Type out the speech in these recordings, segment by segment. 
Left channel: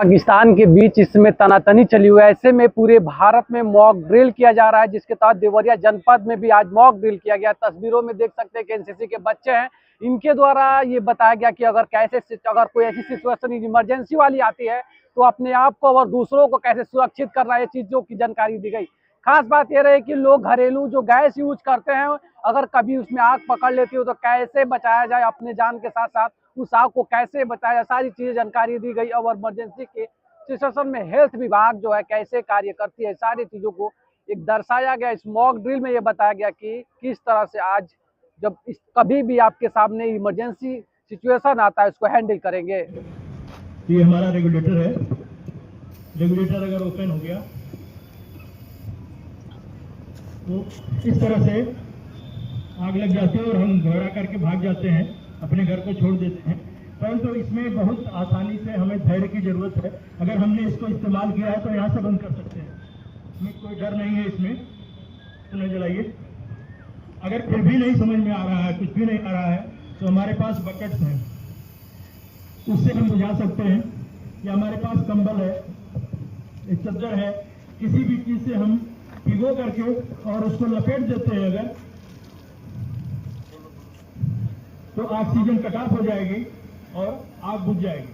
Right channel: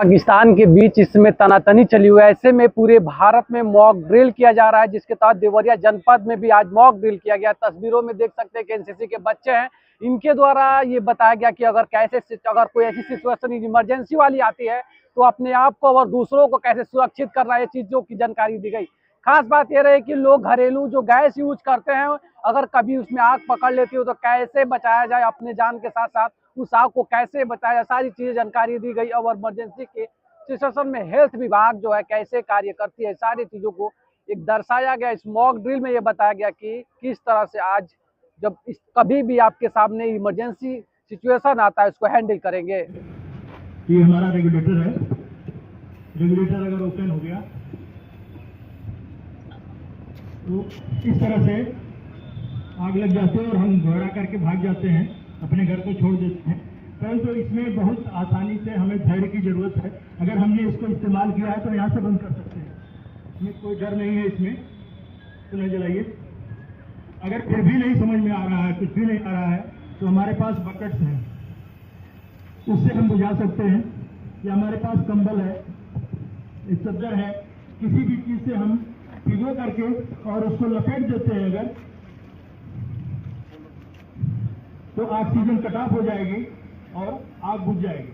पाकिस्तान के बीच इसमें तनातनी चली हुई है। ऐसे में पूरे भारत में मॉक ड्रिल किया जा रहा है, जिसके तहत देवरिया जनपद में भी आज मॉक ड्रिल किया गया। तस्वीरों में देख सकते हैं कि एनसीसी के बच्चे हैं, इनके द्वारा ये बताया गया कि अगर कोई ऐसी सिचुएशन इमरजेंसी वाली आती है तो अपने आप को और दूसरों को कैसे सुरक्षित करना है, चीजों की जानकारी दी गई। खास बात यह रही कि लोग घरेलू जो गैस यूज करते हैं, अगर कभी उसमें आग पकड़ लेती हो तो कैसे बचाया जाए, अपने जान के साथ साथ उस आग को कैसे बचाया जाए, सारी चीजें जानकारी दी गई। और इमरजेंसी के सिचुएशन में हेल्थ विभाग जो है कैसे कार्य करती है, सारी चीजों को एक दर्शाया गया। इस मॉक ड्रिल में ये बताया गया कि किस तरह से आज जब कभी भी आपके सामने इमरजेंसी सिचुएशन आता है उसको हैंडल करेंगे। ये हमारा रेगुलेटर है। रेगुलेटर अगर ओपन हो गया तो इस तरह से आग लग जाती है और हम घबरा करके भाग जाते हैं, अपने घर को छोड़ देते हैं। परंतु इसमें बहुत आसानी से हमें धैर्य की जरूरत है। अगर हमने इसको इस्तेमाल किया है तो यहाँ से बंद कर सकते हैं, इसमें कोई डर नहीं है। इसमें सुने जलाइए। अगर फिर भी नहीं समझ में आ रहा है, कुछ भी नहीं आ रहा है, तो हमारे पास बकेट्स हैं, उससे हम बुझा सकते हैं। या हमारे पास कंबल है, एक चद्दर है, किसी भी चीज से हम भिगो करके और उसको लपेट देते हैं अगर, तो ऑक्सीजन कट ऑफ हो जाएगी और आग बुझ जाएगी।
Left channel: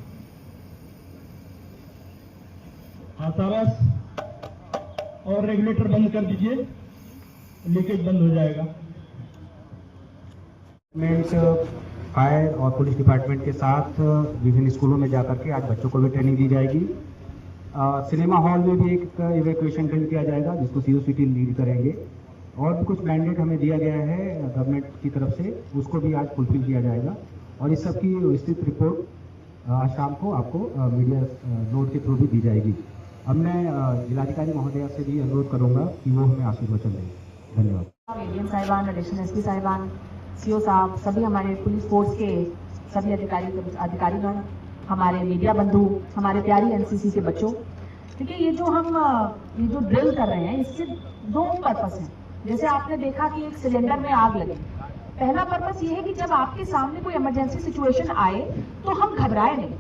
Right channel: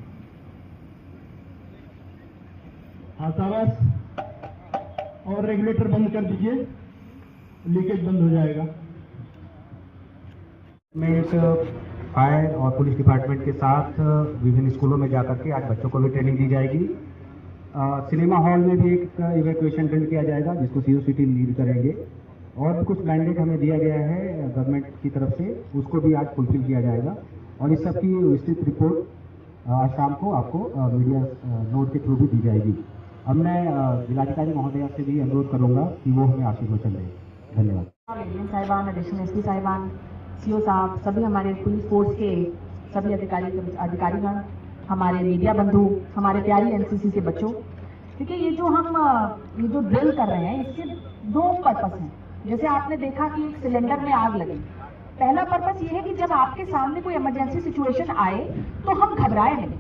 शाबाश। और रेगुलेटर बंद कर दीजिए, लीकेज बंद हो जाएगा। फायर और पुलिस डिपार्टमेंट के साथ विभिन्न स्कूलों में जाकर के आज बच्चों को भी ट्रेनिंग दी जाएगी। सिनेमा हॉल में भी एक इवैक्यूएशन ड्रिल किया जाएगा, जिसको सीओसीटी लीड करेंगे। और भी कुछ मैंडेट हमें दिया गया है गवर्नमेंट की तरफ से, उसको भी आज फुलफिल किया जाएगा। और इस सब की विस्तृत रिपोर्ट आज शाम को आपको मीडिया नोट के थ्रू भी दी जाएगी। अब मैं जिलाधिकारी महोदया से भी अनुरोध करूँगा कि वो हमें आशीर्वचन दें। धन्यवाद। साहिबान, एडिशनल एसपी साहिबान, सीओ साहब, सभी हमारे पुलिस फोर्स के सभी अधिकारीगण, हमारे मीडिया बंधु, हमारे प्यारी एनसीसी के बच्चों। देखिए, ये जो ड्रिल कर रहे हैं, इसके दो पर्पस हैं। जैसे आपने देखा कि एक सिलेंडर में आग लगी। पहला पर्पस ये है कि जब आपके सामने कोई इमरजेंसी सिचुएशन आए तो हम घबराए नहीं।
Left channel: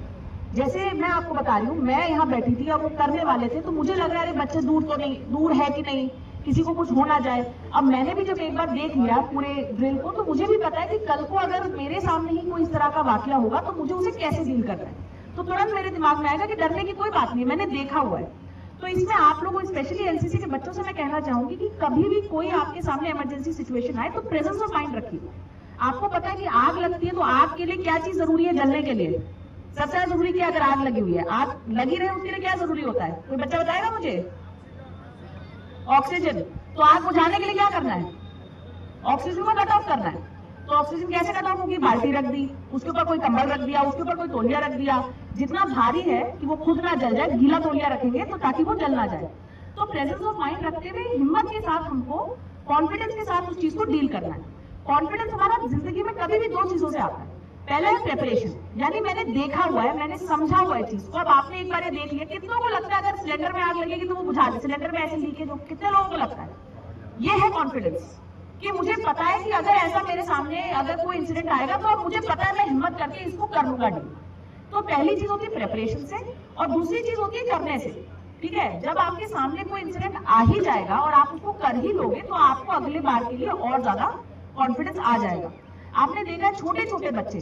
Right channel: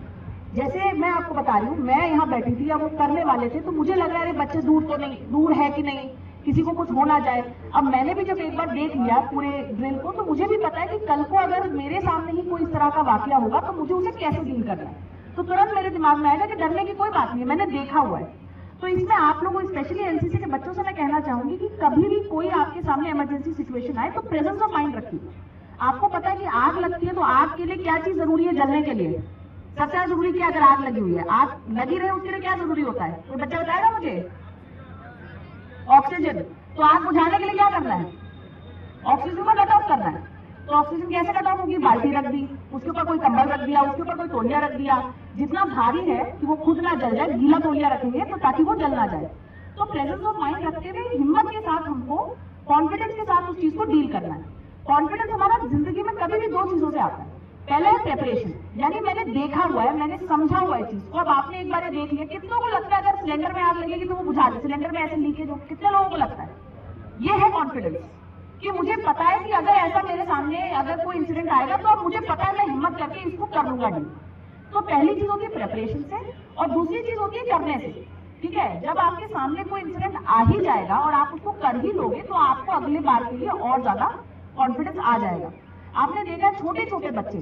जैसे मैं आपको बता रही हूँ, मैं यहाँ बैठी थी और वो करने वाले थे, तो मुझे लग रहा है बच्चे दूर है कि नहीं, किसी को कुछ हो ना जाए। अब मैंने भी जब एक बार देख लिया पूरे ड्रिल को, तो मुझे भी पता है कि कल को अगर मेरे सामने ही कोई इस तरह का वाकया होगा तो मुझे उसे कैसे डील करना है। तो तुरंत मेरे दिमाग में आएगा कि डरने की कोई बात नहीं, मैंने देखा हुआ है। तो इसमें आप लोगों, स्पेशली एनसीसी के बच्चों से मैं कहना चाहूंगी कि कभी भी कोई आपके सामने इमरजेंसी सिचुएशन आए तो प्रेजेंस ऑफ माइंड रखिए। आपको पता है कि आग लगती है तो आग के लिए क्या चीज जरूरी है? जलने के लिए सबसे ज्यादा जरूरी क्या? अगर आग लगी हुई है, आग लगी रही, उसके लिए क्या जरूरी होता है? कोई बच्चा बताएगा मुझे? ऑक्सीजन। तो आग बुझाने के लिए क्या करना है? ऑक्सीजन को कट ऑफ करना है। तो ऑक्सीजन कैसे कट ऑफ होगी? बाल्टी रख दी, उसके ऊपर कोई कंबल रख दिया, उसके ऊपर कोई तौलिया रख दिया, जितना भारी है कि वो खुद ना जल जाए, गीला तौलिया रखेंगे तो ताकि वो जल ना जाए। तो प्रेजेंस ऑफ माइंड रखते हुए हिम्मत के साथ हमको कॉन्फिडेंस के साथ उस चीज को डील करना है। कॉन्फिडेंस हमारा जिंदगी में कभी भी दो चीजों से आता है। पहला है प्रिपरेशन, यानी मैंने देखा हुआ है, मैंने समझा हुआ है चीज को। अब आपने एक बार देख लिया, कितनों को लगता है अगर सिलेंडर में आग लगेगी तो वो बुझा दे? सिलेंडर में ऐसे लीकेज हो, कितने लोगों को लगता है? ये है कॉन्फिडेंस कि मुझे पता है कि अगर ऐसा मेरे सामने अगर कोई इंसिडेंट आएगा तो अब मुझे पता है मैं हिम्मत करके इसको कर लूंगा डील। तो पहली चीज होती है प्रिपरेशन से, और दूसरी चीज होती है करने से। ठीक है, जब आपके सामने कोई इंसिडेंट आ ही जाएगा और आप उसको कर ही लोगे तो आपको अगली बार के लिए और ज्यादा कॉन्फिडेंस आ जाएगा। आपने देखा छोटे छोटे बच्चे,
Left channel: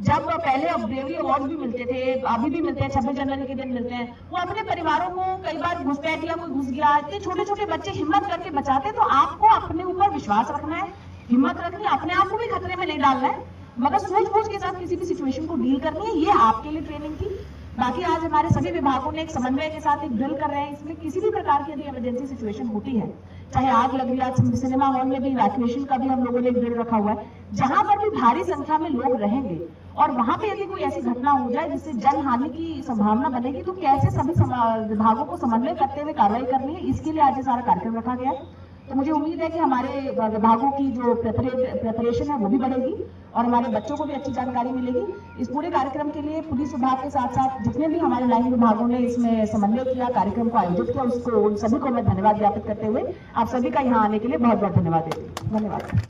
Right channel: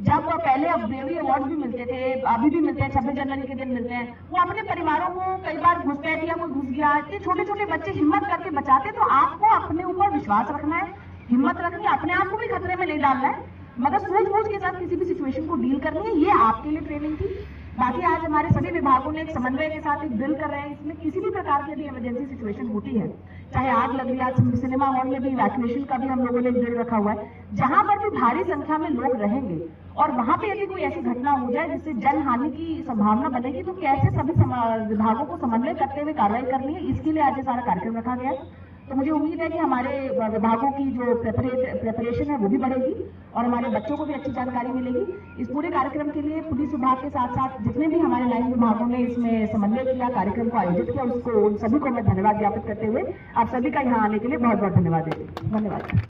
जब पहले ब्रेवरी अवार्ड भी मिलते थे, अभी भी मिलते हैं, 26 जनवरी के दिन मिलते हैं, वो अपने परिवारों को कई बार घुसपैठ या कोई घुस गया, इतने छोटे छोटे बच्चे हिम्मत करके बचाते। तो आपको अपने ऊपर विश्वास रखना है, हिम्मत रखनी है, अपने आप को भी खतरे में नहीं डालना है, मगर सूझबूझ के साथ किसी भी सिचुएशन को डील करनी है। ये आपके लिए ट्रेनिंग थी। बाकी आज हमारे सभी विभागों ने एक समन्वय के साथ एक ड्रिल कर रहे हैं। इसमें किसी भी प्रकार की यदि इमरजेंसी सिचुएशन होती है, चाहे आग लगी, आज सिनेमा हॉल में भी इवैक्यूएशन का भी हम लोगों ने ड्रिल रखा हुआ है। जहां पर भी भारी संख्या में लोग रहेंगे और वहां पे यदि कोई ऐसी घटना हो जाए जिससे जन हानि की संभावना बनेगी, तो कैसे सभी विभागों को समन्वय करते हुए कार्रवाई करनी है, इसके लिए आज ये सारा कार्यक्रम रखा गया। तो मुझे उम्मीद है कि हमारे विभागों की जो प्रिपरेशन है वो भी बढ़ेगी और हमारे बच्चों को भी अच्छी जानकारी मिलेगी। इस पूरे कार्यक्रम के लिए पुलिस विभाग के साथ साथ जितने भी हमारे लाइन विभागों ने इसमें समन्वय किया, कार्यक्रम को आयोजित किया, उसको उन सभी को मैं धन्यवाद ज्ञापित करते हुए आप सभी का यहाँ आने के लिए बहुत बहुत धन्यवाद देती हूँ। धन्यवाद।